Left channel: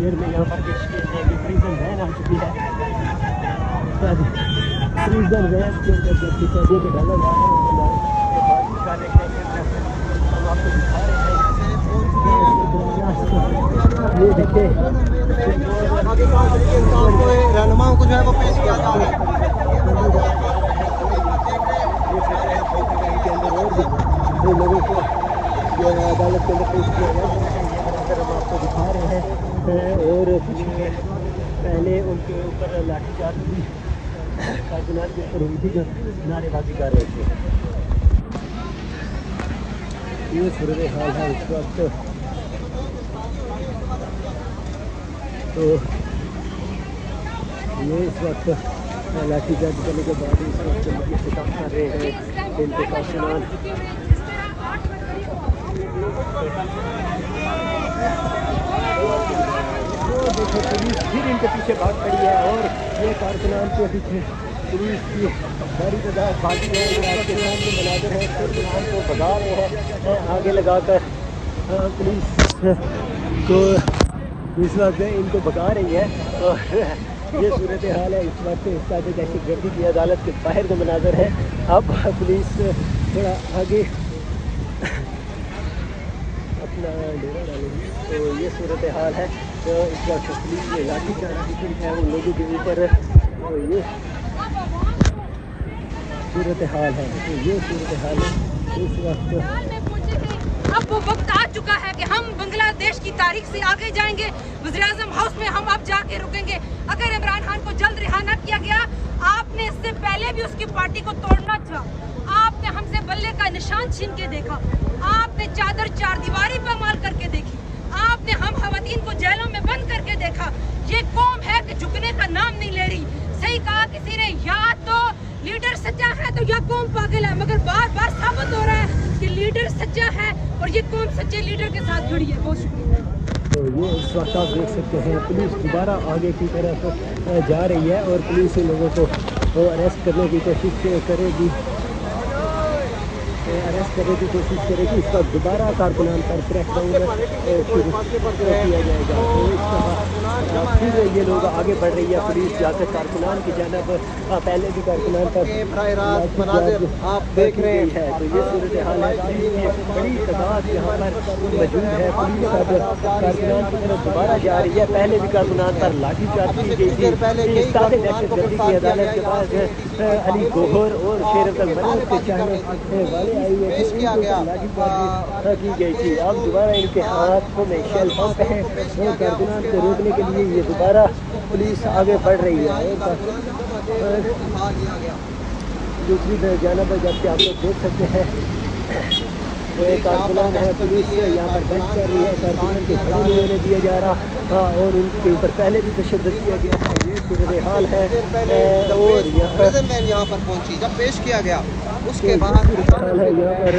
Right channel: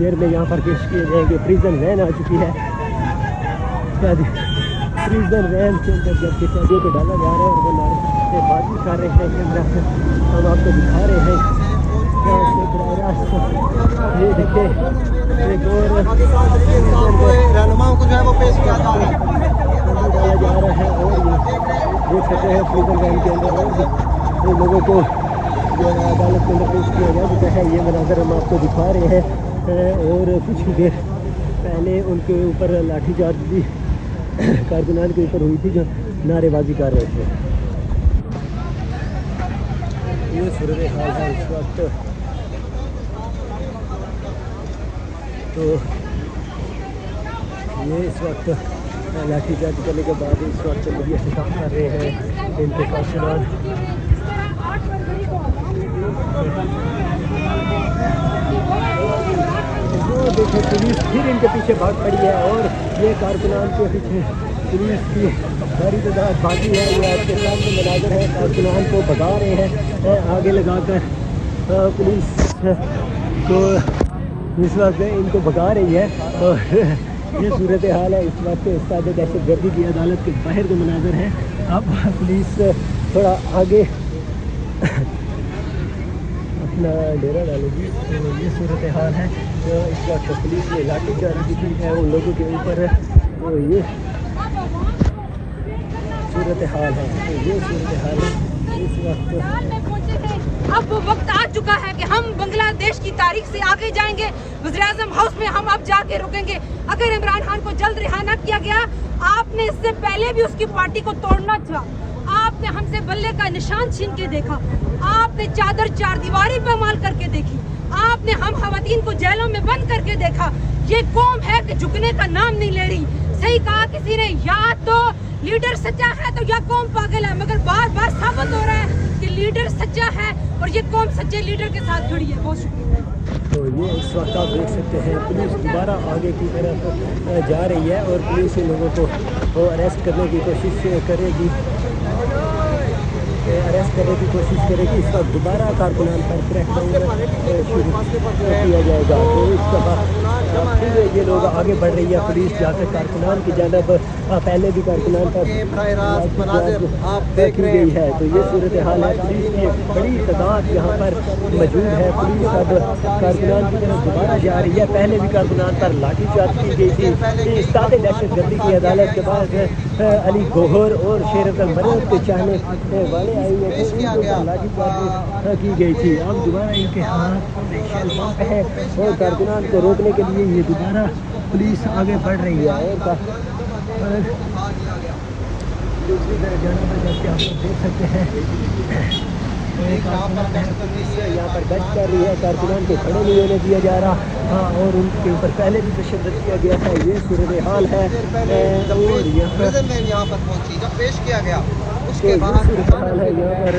देर में यहाँ पर प्रिजन वैन आ चुकी है। प्रिजन वैन के ऊपर जब कैदियों को डाला जा रहा है और वो बात कर रहे हैं कैमरा से, हम आपको दिखा रहे हैं। ये देखिए रहनुमाओं को जो है वो पेश किया जा रहा है और ये देख सकते हैं प्रिजन वैन के अंदर लोगों को अदालत के अंदर पेश किया गया। जो है ये मनाज़र हम आपको दिखा रहे हैं। और कुछ ही देर पहले उनके ऊपर लाठीचार्ज भी कारकुनान के ऊपर हुई थी जो नारेबाजी कर रहे थे। ये इस वक्त लाठीचार्ज करने के बाद इस वक्त से काम कर रहे हैं इनके कारकुनान। देखिए पुलिस फिर इनके पीछे भाग खड़ी है और ये कारकुनान के पीछे पुलिस की भारी तादाद भागी है। ये आपके सामने मनाज़र है, कारकुनान को भगा रहे हैं आगे लगाकर। पुलिस को इस वक्त इनको भगा रही है और ये सूरत हाल है इस वक्त। इस तरह दहशत गर्दी की अदालत के बाहर का मनाज़र है। अब पुलिस थोड़ा आगे अपना डेरा डालेगी। तो ये सूरत हाल है जो इस वक्त पुलिस ने लाठीचार्ज की है उन लोगों के ऊपर और ये सूरत हाल है। तो ये सूरत हाल है। अब वो वक्त आ चुका है कि हम बांग्लादेश की तारीख से आगे जाएंगे। वज़ीर-ए-आज़म हाउस में हम अब जाके रुकेंगे। अगर इमरान खान को जल्द रिहा न किया गया, आपने इससे पहले भी उसकी पार्टी को तोड़ना था। आपने हमसे बल्ले का निशान छीन के देखा, आपने चादर चार दीवारी पर माल करके देखी, आपने हम खवातीन को जेलों में बंद करके देखा। ये कौम है कि झुकने का नाम नहीं ले रही। सही कहा किसी ने, या तो लीडर सच्चा है तो या कौम पागल है। मगर बार बार साबित हो रहा है कि लीडर सच्चा है और ये कौम सच्चे लीडर के साथ खड़ी है। तो ये इस वक्त आप देख सकते हैं पुलिस दोबारा आगे की तरफ जा रही है और पुलिस इन लोगों को अरेस्ट करने की कोशिश करेगी। इस वक्त दोबारा कारकुनान पर क्रैकडाउन किया जाएगा। तो इस दफ़ा फिर ये लोग आगे बढ़ रही है पुलिस जाकर कारकुनान की जानब। पहले भी कारकुनान पर की गई है। तो ये सूरत हाल है। पुलिस की एक बड़ी तादाद यहाँ पर मौजूद है। पुलिस अब कारकुनान की तरफ दोबारा जा रही है। पहले भी कारकुनान पर लाठीचार्ज की गई थी। इस ताज़े दहशत गर्दी की अदालत के बाद अली गौहर और शेर अब्दुल मर्द के चाहने वाले आए में लाठीचार्ज की गई थी। अब दोबारा इनके हाथों में शेल पंप है और कारकुनान को रोकने के लिए ये दोबारा पुलिस आगे बढ़ रही है। और दूसरी जानब जबकि आप लोग देख सकते हैं ये कारकुनान है, पुलिस यहाँ पर गश्त कर रही है। कारकुनान को खड़े नहीं होने दिया जा रहा। हाँ, और उनके ऊपर पहले भी तशद्दुद किया गया था। ये सूरत हाल है और यहाँ पेश किया गया। तो ये सूरत हाल है यहाँ पर